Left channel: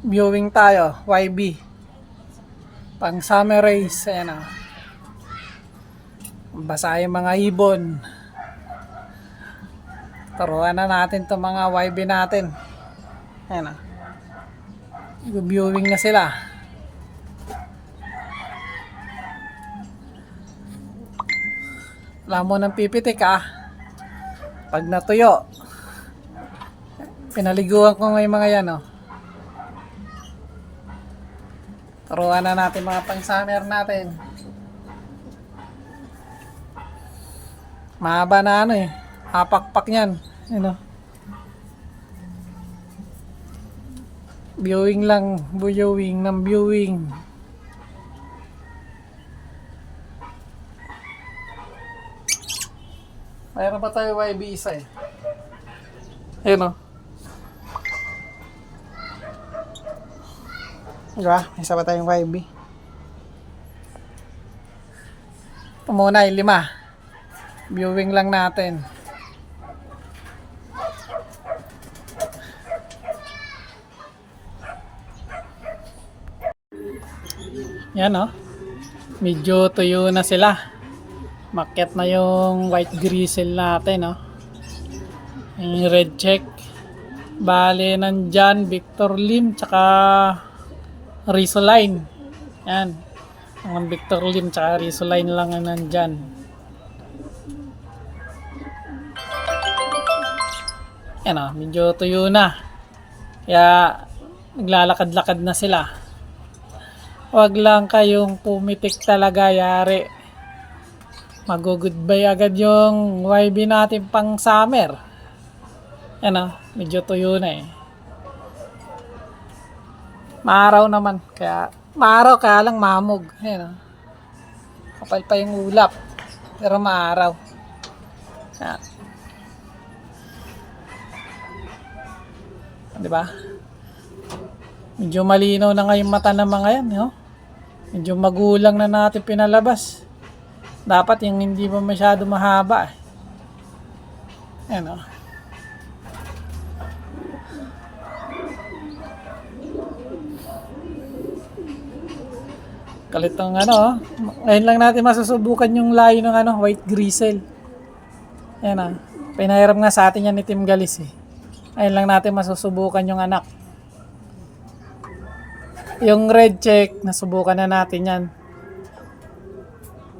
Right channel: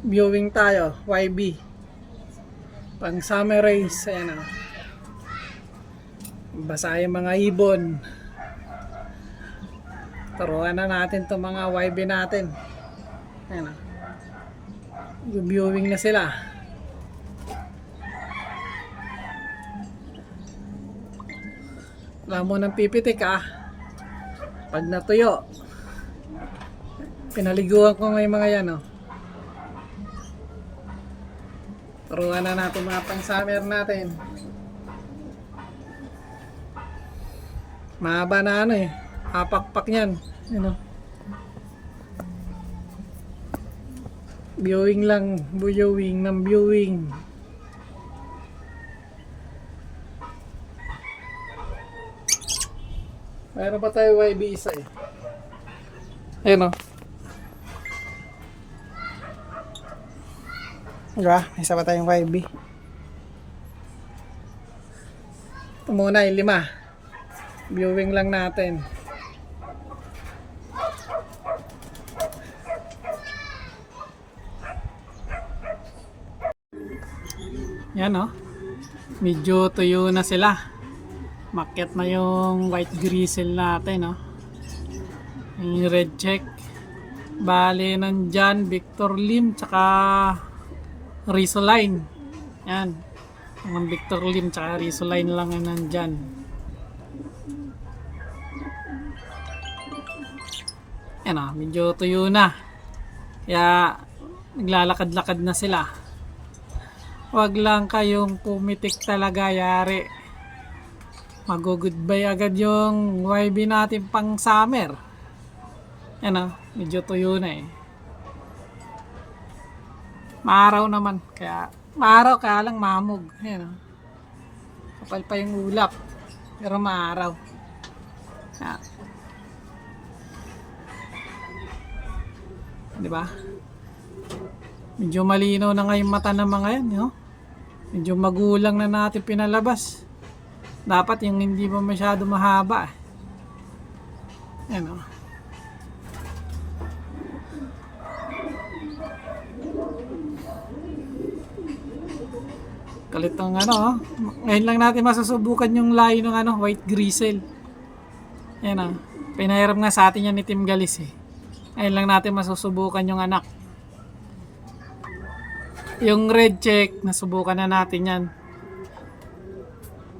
Viewing tayo, YB. Pang summer race, ayan o. Basa yung mga ibon. Turuan na natin itong mga YB natin. Ayan o. Viewing na sila. Wala mo ng pipitik pag natuyo. Pinaliguan ko ngayon mga yan o. Turuan na natin mga pang summer natin. Mahaba na apakpak yan. Viewing lang, viewing ng viewing. Mayroon pa tayo YB isa Ayun Diba? Isa pa tayong YB. Ito muna yung 5. Viewing lang natin. Yan medyo tuyo na sila. Maket na yung white grizzle natin yung red check. Bale nandyan Victor Lim tsaka Risoline. Yan. Ang Victor Lim tsaka Risoline lang ang nandyan. Yan medyo tuyo na. Kaya naglalakad-lakad na sila. Wag lang kayong pumitik talaga, yari. Mag-goodbye agad yung YB natin pang summer. Yan medyo tuyo na Maaraw naman, kaya lang mamog. Ayan kapal pa yung ulap, pero maaraw. Ayan. Diba? Medyo malinaw na nga yung mata ng mga yan, medyo magulang na natin pinalabas. Dapat yung hindi pa masyado mahaba. Ayan Kalit ng ngayon lang natin masusubukan yung layo ng white grizzle. Ayan pinahiram nga sa atin yan ni Tim Galis Ngayon lang natin masusubukan yung anak. Yung red check, nasubukan na natin yan.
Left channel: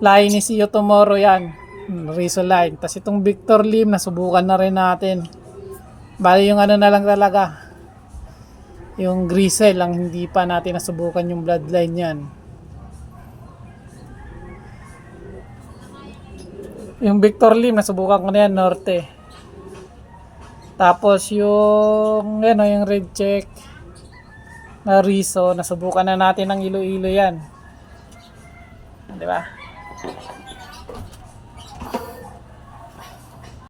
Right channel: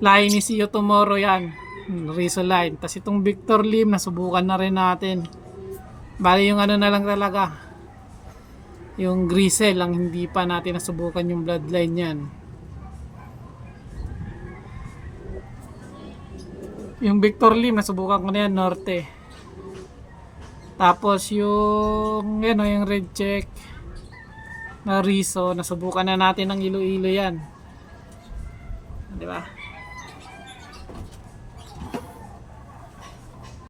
Layo ni See You Tomorrow yan. Risoline. Tapos itong Victor Lim, nasubukan na rin natin. Bali yung na lang talaga. Yung grizzle lang, hindi pa natin nasubukan yung bloodline yan. Yung Victor Lim, nasubukan ko na yan, norte. Tapos yung yung red check na Riso, nasubukan na natin ng Iloilo yan. Di ba?